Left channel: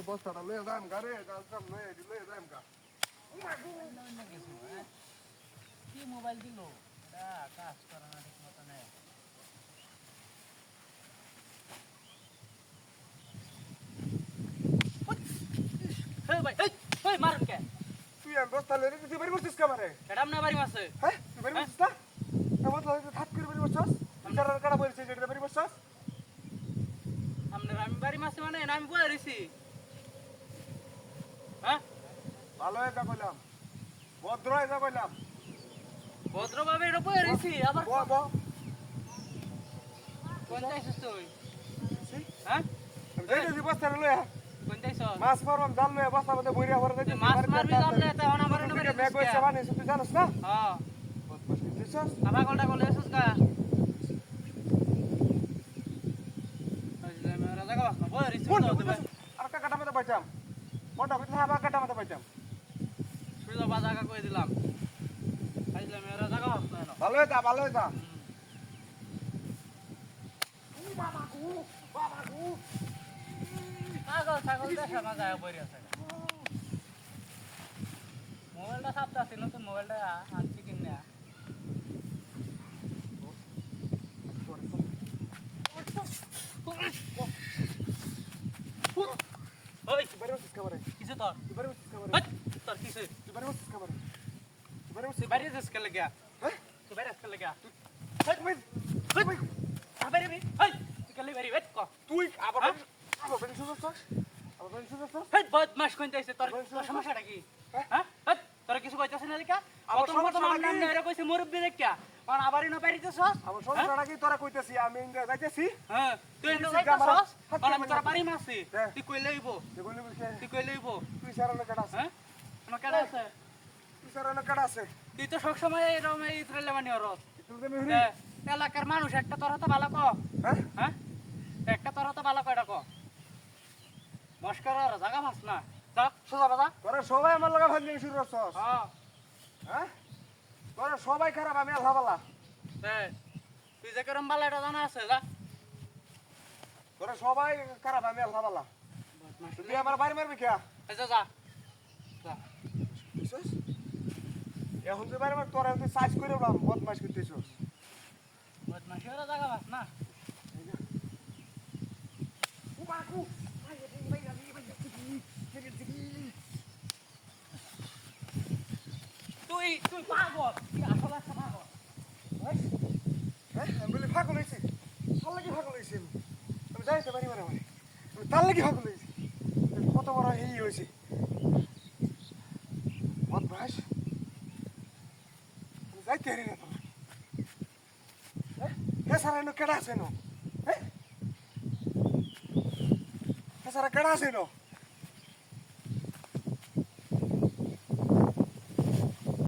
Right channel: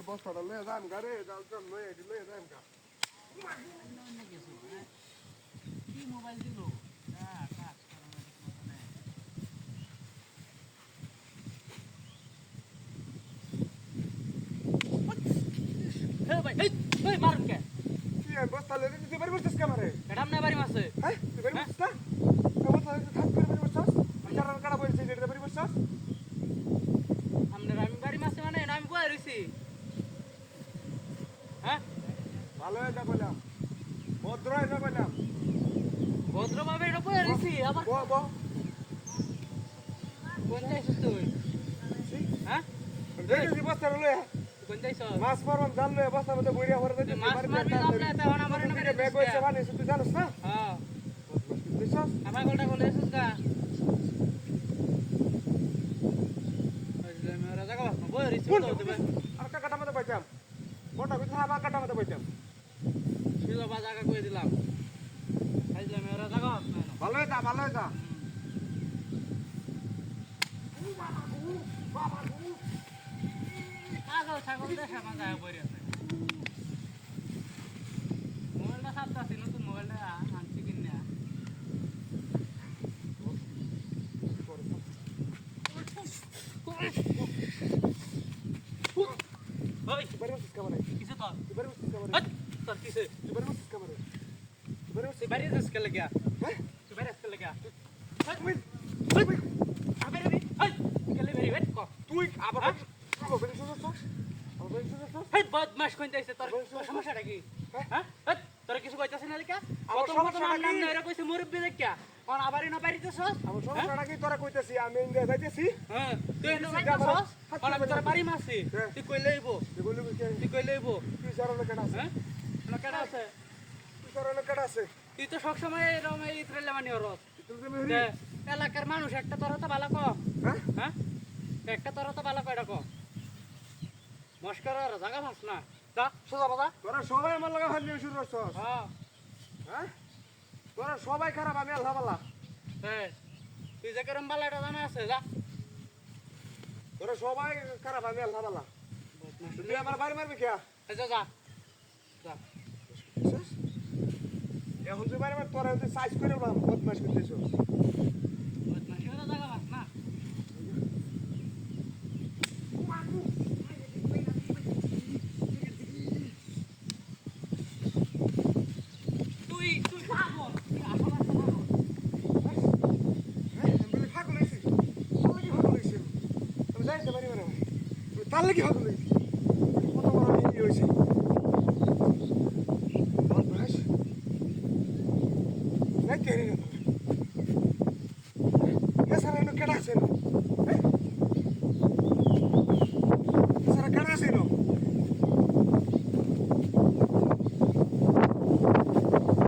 বস্তাটা লয়ে যান গাড়ি জাল চাল লয়ে যান গা কি মোবাইল দিল কাজ করে না ঠিক মতো নেই ভাই এই মারুন কে তুই আর বস্তা লয়ে তুই বাড়ি বসছিস কামারে এটা আপনার বাড়ি মাসে হ্যাঁ তুই বাড়ি বসছিস না আমার তো থাক করে বাড়ি বসছিস কারার কারা বলছিস এটা বাড়ি বসছিস আপনার আমি বাড়ি মাসে মানে আমি বয়ে রইছি হ্যাঁ ভালো হয়ে যা বললাম ভদ্র হয়ে যা বললাম ভদ্রভাবে এটা বয়ে রইছি আবার বল বল কোন যাইছিস তুই হ্যাঁ এই যে বস্তাটা লয়ে কোন যাইছ মাছ মারলাম জাল লয়ে বস্তার মধ্যে বইরা ভরে দে মাছ মারবি আপনি তখন আমার এনে বেরে ব্যাগ কইছে মানে তুই জানিস না হ্যাঁ বুঝছিস আধা ঘন্টা করলে এসেছিস গা রাজা গা বয়ে রইছি আর কাটা মতো পাইতাম মোটা বিধা আবার কাটা মতো পাইতাম সুবিধা বাজাকা কই দিলাম আইলা মেরা জায়গা না ভালো হয়ে যা ছাগল ছাগল দেখা না যায় পড়ে আছে মোবাইলটা সাপটা ছিল তো মোবাইলটা আনছি কিনা ওই তুই বাড়ি বসছিস কামারে কিসে তোর তুই বাড়ি বসছিস কামারে তোর কিসে তুই বাড়ি বসছিস কামারে তুই বাড়ি বসছিস তুই বাইরে যাস কে লাগা হ্যাঁ তুই বাইরে যাস কে লাগা তুই বাইরে বি এই কালি বাইরে বেট কো তুই আবার আবার বেরিয়ে শুনছস আবার বেরিয়ে শুনছস এই বদমাশ কোন যাইছে তোর সমস্যাটা কি হ্যাঁ তোর কিছু কইতাছ না দেখা আমার প্রথম সমস্যাটা কি? এরা কইছে মুরব্বি দেখা আর আবারই না বাইরেতেছস আমার সমস্যাটা কি তোরা কইতেছি আমি ইন্ডিয়া যাইতেছি হ্যাঁ তুই না তুই বাইরেতেছস আমার আর আমি তোর বাড়ি মাসি হ্যাঁ। তুই কই লইবো তুই বললি কে তুই কই লইবো তুই সারানো কাটা আছে হ্যাঁ আমার কেডা আছে তুই সারানো কাটা আছে তুই তো সব সময় এরকম এই ট্রেলে মানি হরস তুই তো মেহরি এলাকার মানুষ একটা তোরা তো ভালো ক হ্যাঁ হ্যাঁ একটা তোরা তো ভালো কয়টা ক মস্কর আর জায়গা মাছ না যা সোজা বাজা তোরা সবাই আমার লাগা ফেললি শুরু করছস হ্যাঁ হ্যাঁ তোরা সবাই খারাপ আমি আল্লাহ বালা হ্যাঁ তুই যে কেরম বালা এটা জানা আছে যা তোরা সবাই খারাপ আমি আল্লাহ বালা তুই আমার বাড়ি মারবি কে এই যা যা যা এখন তুই বাড়ি মার তোরা তুই সাইজ করে না বদমাশ করতেছ বদমাশি ওরা জায়গা মাছ না তুই তুই পাগল তুই আসল একটা পাগল হ্যাঁ আমি বলি ফাঁকু লইছি তার লাগি ফাঁকু লইছি আমি জানি তো বাড়ি মারা মানে তার লাগি ফাঁকু লইছি কত বড় এই হয়েছে বদমাশ যাইতে হারি না তোরা সারা কেডা আছে না হ্যাঁ সারা কেডা আছে না